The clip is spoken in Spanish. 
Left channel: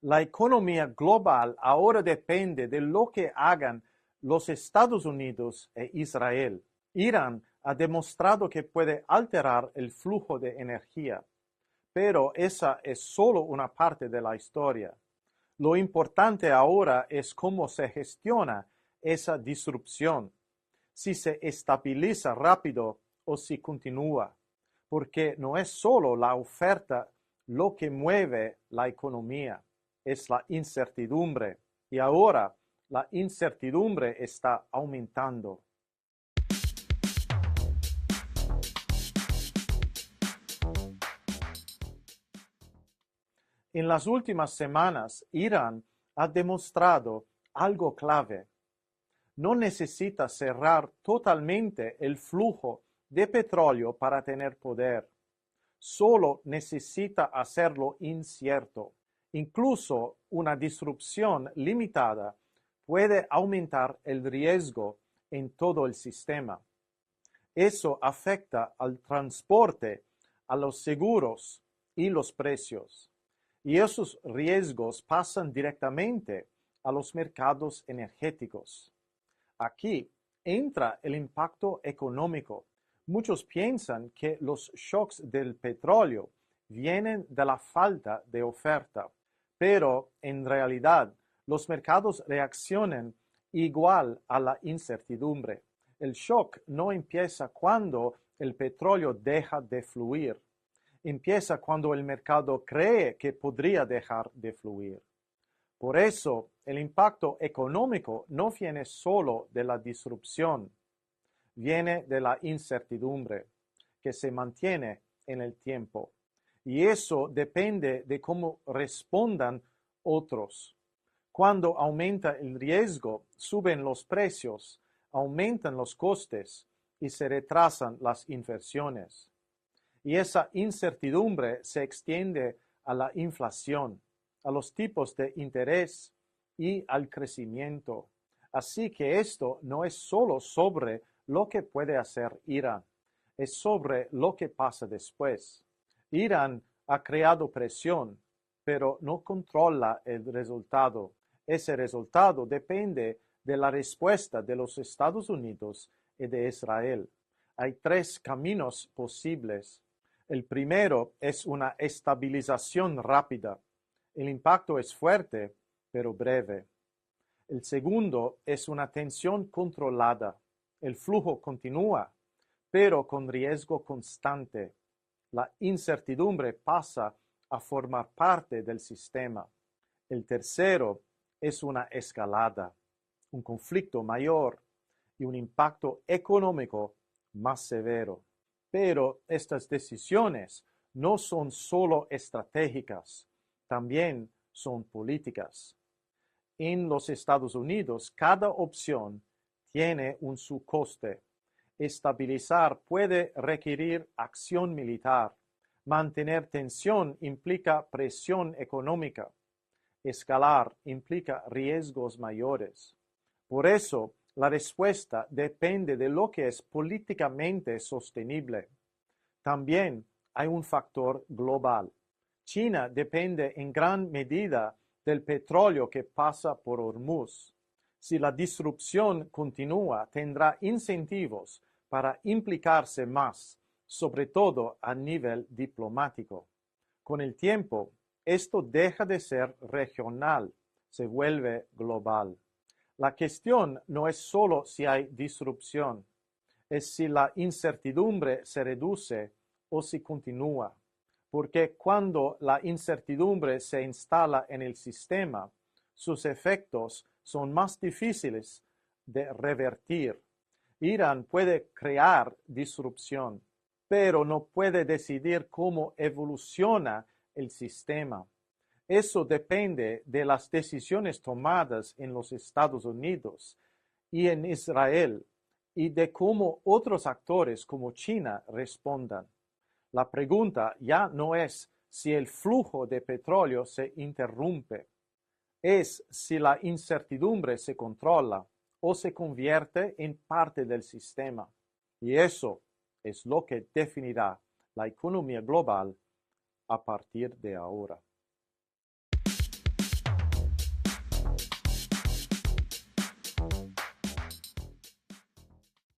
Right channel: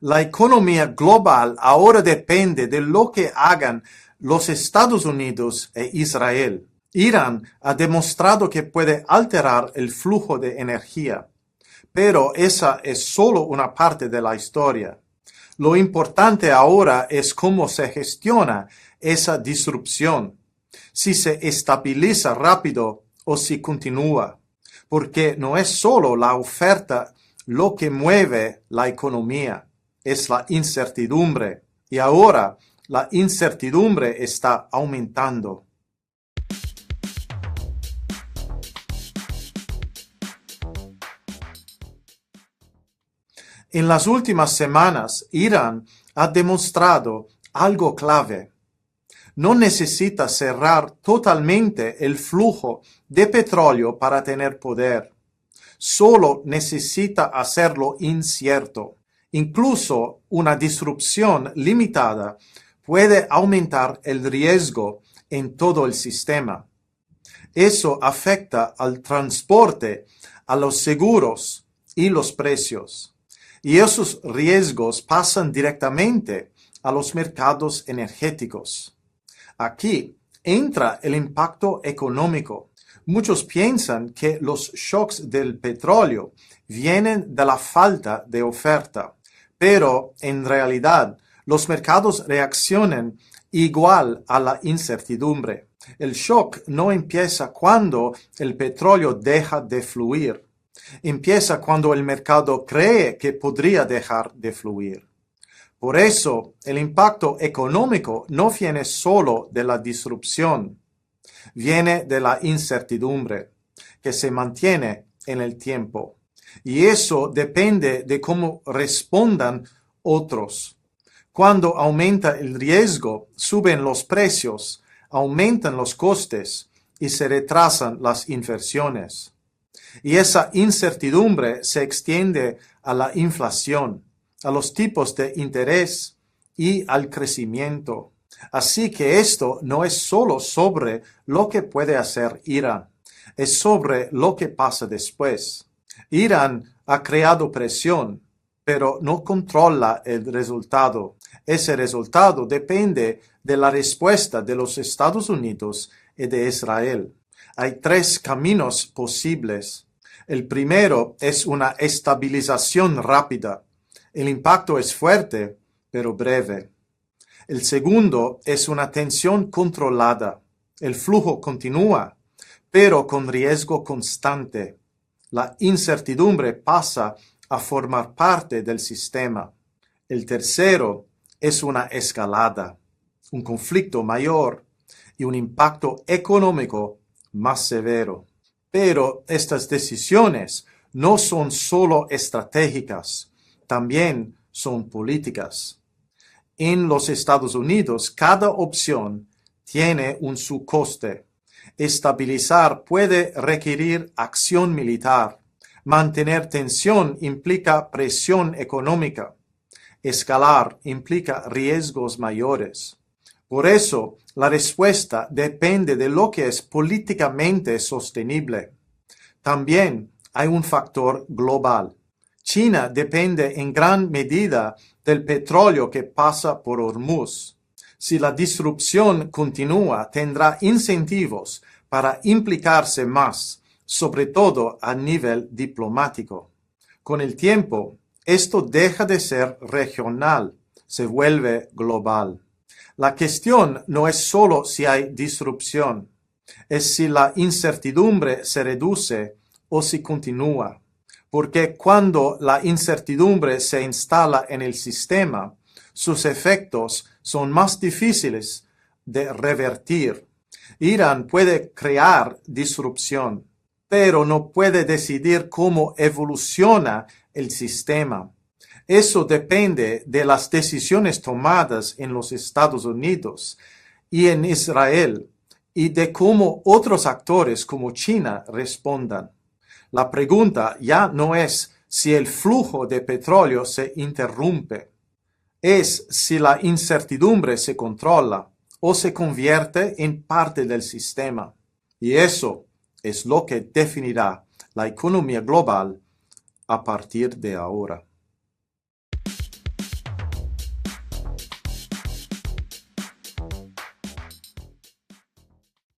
La economía global ahora depende de lo que hagan los Estados Unidos e Israel. Irán ha demostrado que puede alterar el flujo de energía, pero esa es solo una parte de la historia. Lo importante ahora es cómo se gestiona esa disrupción, si se estabiliza rápido o si continúa, porque no es solo la oferta lo que mueve la economía, es la incertidumbre, y ahora la incertidumbre está aumentando. En las últimas semanas, Irán ha demostrado algo clave. No necesita cerrar totalmente el flujo de petróleo para tener poder. Solo necesita hacerlo incierto. Incluso una disrupción limitada puede aumentar el riesgo en todo el sistema. Eso afecta al transporte, a los seguros y los precios. Y esos riesgos pasan directamente a los mercados energéticos. Aquí entra el impacto económico. Muchos piensan que los shocks del petróleo vienen de la falta de oferta, pero en realidad los mercados reaccionan igual a la incertidumbre. El shock no empieza cuando el petróleo deja de fluir. Empieza cuando el mercado cree que podría dejar de fluir. Por eso, el impacto económico no viene solo de la disrupción, viene de la incertidumbre, que se mantiene en el tiempo. Y eso depende de cómo respondan otros. Cuando aumenta el riesgo, suben los precios, aumentan los costes y se retrasan las inversiones. Y esa incertidumbre se extiende a la inflación, a los tipos de interés y al crecimiento. Así que esto no es solo sobre lo que puede hacer Irán, es sobre lo que pasa después. Irán ha creado presión, pero no controla el resultado. Ese resultado depende de la respuesta de los Estados Unidos y de Israel. Hay tres caminos posibles. El primero es una estabilización rápida. El impacto es fuerte, pero breve. El segundo es una tensión controlada. El flujo continúa, pero con riesgo constante. La incertidumbre pasa a formar parte del sistema. El tercero es una escalada, un conflicto mayor y un impacto económico más severo. Pero estas decisiones no son solo estratégicas, también son políticas. En los Estados Unidos, cada opción tiene un subcoste. Estabilizar puede requerir acción militar. Mantener tensión implica presión económica. Escalar implica riesgos mayores. Por eso, la respuesta depende de lo que es políticamente sostenible. También hay un factor global. China depende en gran medida del petróleo que pasa por Hormuz. Si la disrupción continúa, tendrá incentivos para implicarse más, sobre todo a nivel diplomático. Con el tiempo, esto deja de ser regional, se vuelve global. La cuestión no es solo si hay disrupción, es si la incertidumbre se reduce o si continúa. Porque cuando la incertidumbre se instala en el sistema, sus efectos son más difíciles de revertir. Irán puede crear disrupción, pero no puede decidir cómo evoluciona el sistema. Eso depende de las decisiones tomadas en los Estados Unidos y en Israel y de cómo otros actores como China respondan. La pregunta ya no es si el flujo de petróleo se interrumpe, es si la incertidumbre se controla o se convierte en parte del sistema. Y eso es lo que definirá la economía global a partir de ahora.